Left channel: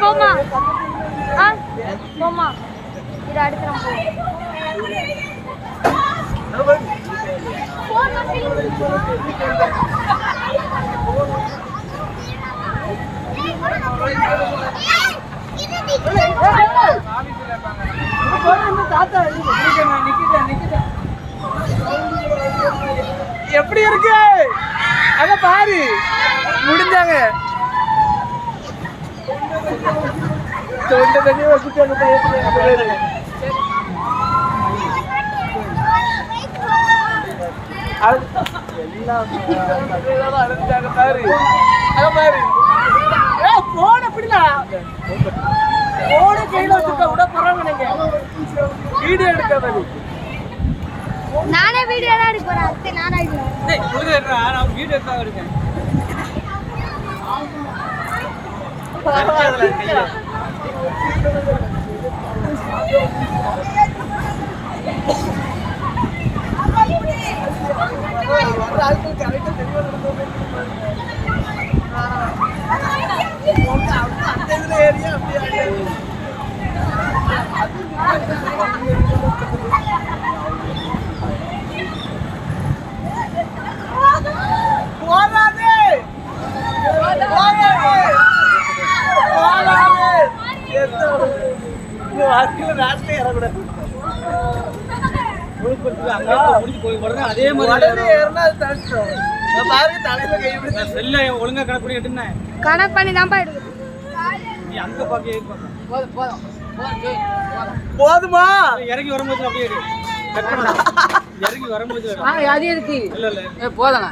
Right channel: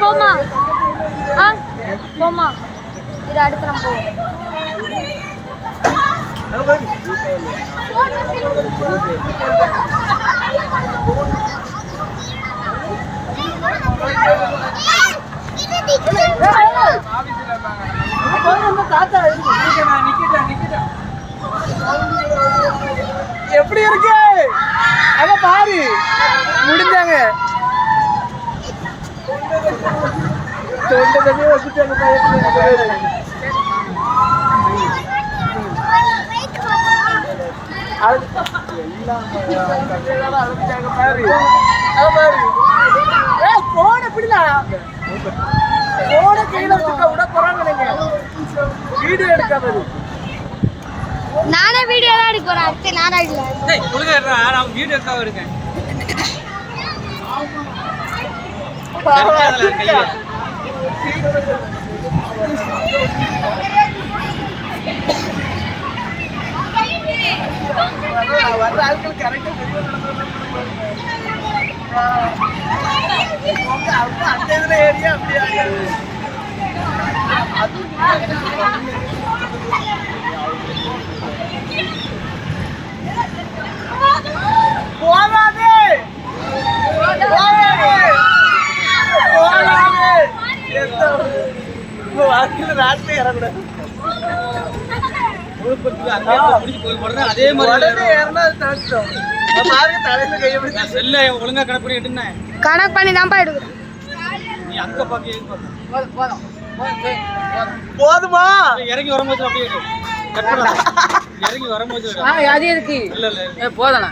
போமா போமா இதை அடுத்து எப்படி இருக்கு அத பாரு முடிஞ்சாங்க தொண்டை தண்ணி வச்சுட்டாங்க பாரு பாரு போன எப்படின்னா போன கையில வச்சுக்க விட போறாங்க நீங்க வீடியோ எடுக்காதது நானே வீடியோ தான் எடுக்க போறேன் அடுத்து நானா இல்ல டேய் ஒழுங்கா எடுறா நான் வீடியோ எடுக்க இருக்கேன் சரியாதல கையில வர ஆட்கள் கரெக்ட்டா தெரியல நடந்து அந்த இதுல ஏரியா அப்படி ஆடியாது போலாதே வாழ்க்கையில ராட்டிலே ஏறக்கூடாது அதே மாதிரி ஏறினா அது தாழ்த்தோம் பாருங்க தலையில கையை பிடிச்சா செல்ல ஒழுங்கா கணக்கு பண்ணி எடுனேன் கணக்கு பண்ணி தான் எடுக்கிறேன் நீ அங்க பாக்க போதுமா இறங்கி வரும்போது அப்படியே இறங்கி வரும்போது அது எதுக்கு இல்ல இல்ல போதனா